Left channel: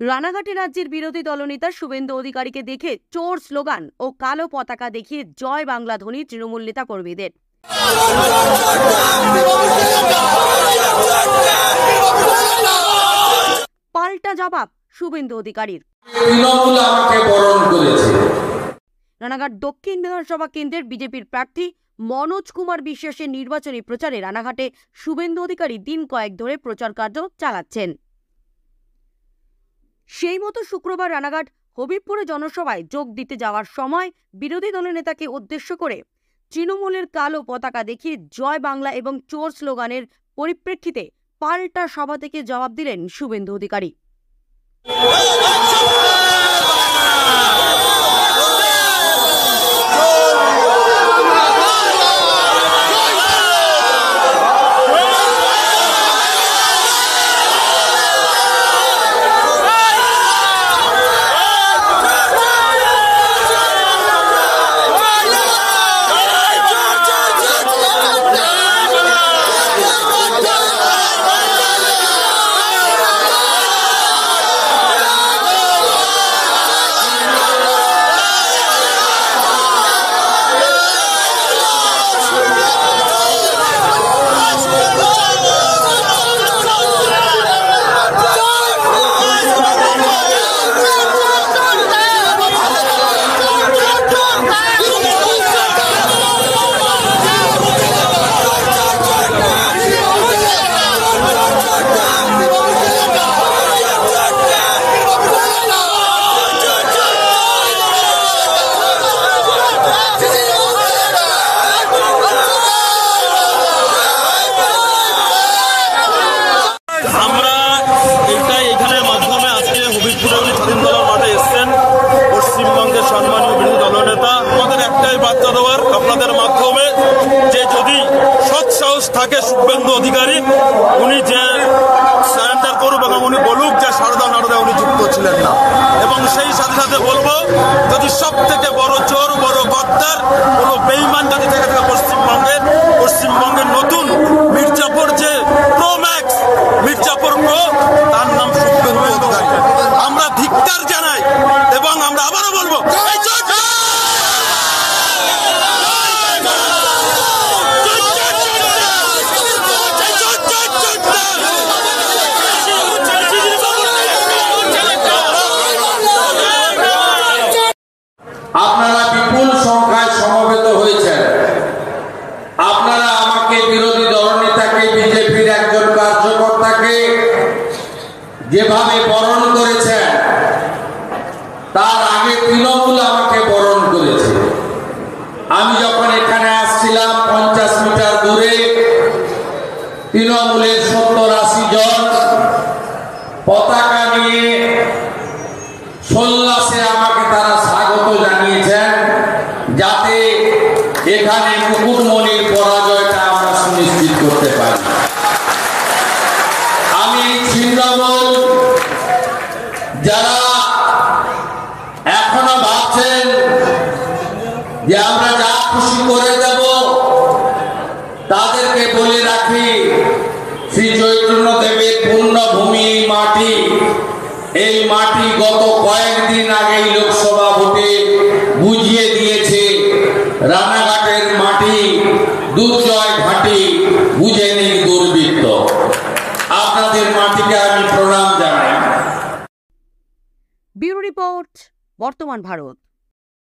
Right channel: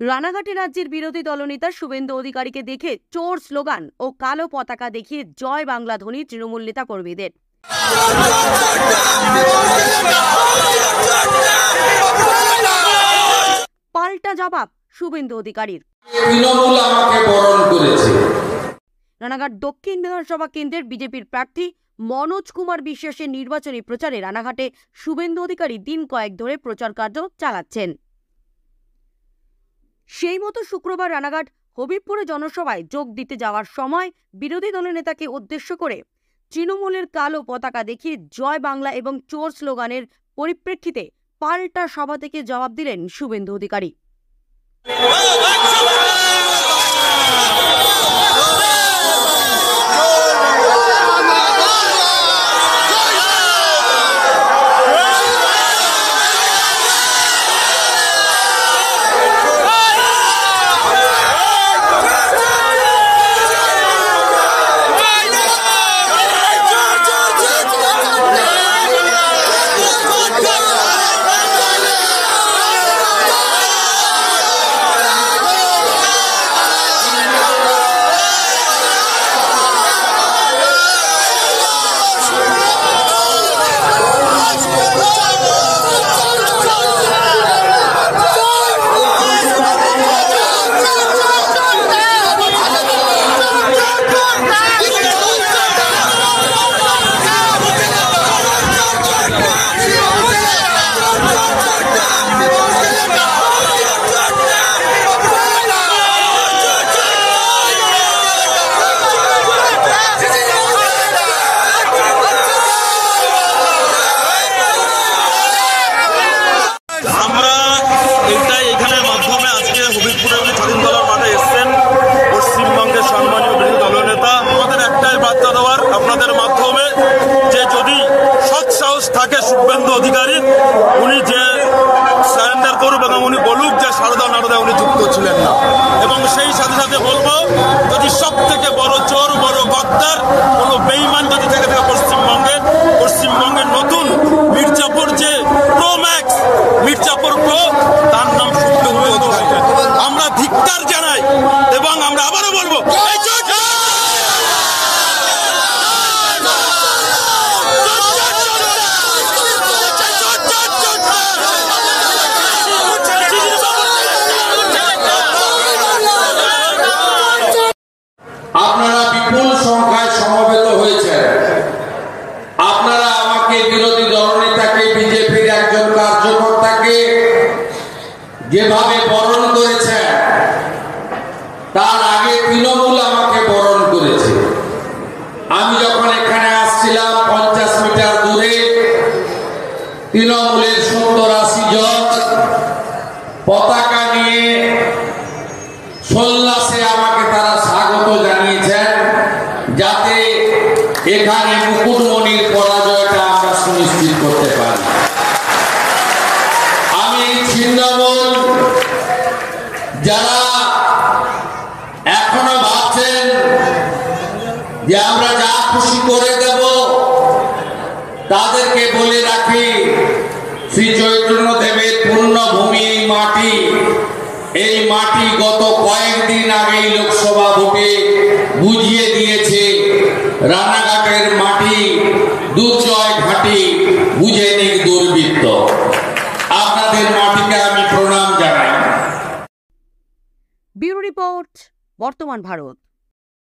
রানাঘাটে রাজ্যের বিরোধী দলনেতা শুভেন্দু অধিকারীকে দেখে চোর স্লোগান ও কালো পতাকা দেখিয়ে জয় বাংলা ধ্বনি তৃণমূল নেতা কর্মীদের। পাল্টা জবাব শুভেন্দু অধিকারীর। রানাঘাট দক্ষিণ বিধানসভা কেন্দ্রের বিজেপির প্রার্থী মনোজ কুমার বিশ্বাসের নির্বাচনী প্রচারে রানাঘাটে শুভেন্দু অধিকারী দিন কয়েক ধরে প্রচার কার্য চালাচ্ছেন। সেই মতো শুক্রবার রানাঘাট হবিবপুরে জনসভায় যোগ দিতে যাওয়ার সময় বিরোধী দলনেতাকে উদ্দেশ্য করে তৃণমূলের কালো পতাকা দেখিয়ে জয় বাংলা এবং চোর স্লোগানের পরিপ্রেক্ষিতে পাল্টা সভা থেকে জবাব দিলেন শুভেন্দু অধিকারী। পশ্চিমবঙ্গের সম্মানীয় বিরোধী দলনেতা আমাদের একটাই বার্তা দেওয়ার আপনাদের মাধ্যমে যে যদি সৎ সাহস থাকে শুভেন্দু অধিকারী উনি যে সারেন্ডার করুক এবং উনি বলুক যে সারদা নারদা উনি যুক্ত ছিলেন না, এবং সেই সাথে সাথে বলবো যদি সব থেকে বড় চোর বড় গদ্দার কোন বেইমান যদি থেকে থাকে পশ্চিমবঙ্গের নতুন মির্জাপুর যে প্রো ম্যাক্স মির্জাপুর প্রো তার নাম শুভেন্দু অধিকারী। আমরা ধিক্কার জানাই এবং আমরা আবারও বলবো আপনারা বিপুল সংখ্যায় সমবেত হয়েছেন। আপনারা আমাকে বিরোধী দলনেতাকে বিজেপির একজন কার্যকর্তাকে যেভাবে বরণ করেছেন তার আগে তৃণমূল আমাকে বরণ করেছে। আমি যখন এখানে আসছিলাম 50 মিটার দূরে তৃণমূলের 70-80 জন পতাকা নিয়ে সোল্লাসে আমাকে তারা স্বাগত জানিয়েছেন যাতে এখানে মুকুটমণির পরাজয়টা আমরা সুনিশ্চিত করতে পারি। আমি ছিন্নমূল যারা এখনো ভাবছেন যে আমরা যা খুশি করে দেব তাদেরকে বলে রাখি শ্রী চৈতন্যদেবের পুণ্যভূমি মাটি, এই মাটি গত কয়েকদিন আগেই লোকসভা ভোটে বুঝিয়ে দিয়েছে রানাঘাটের মাটি দুর্জয় ঘাটি বুঝে নিক দুর্বৃত্ত। আপনাদের মাটিকে আমি প্রণাম জানাই। ব্যুরো রিপোর্ট, বর্তমান ভারত।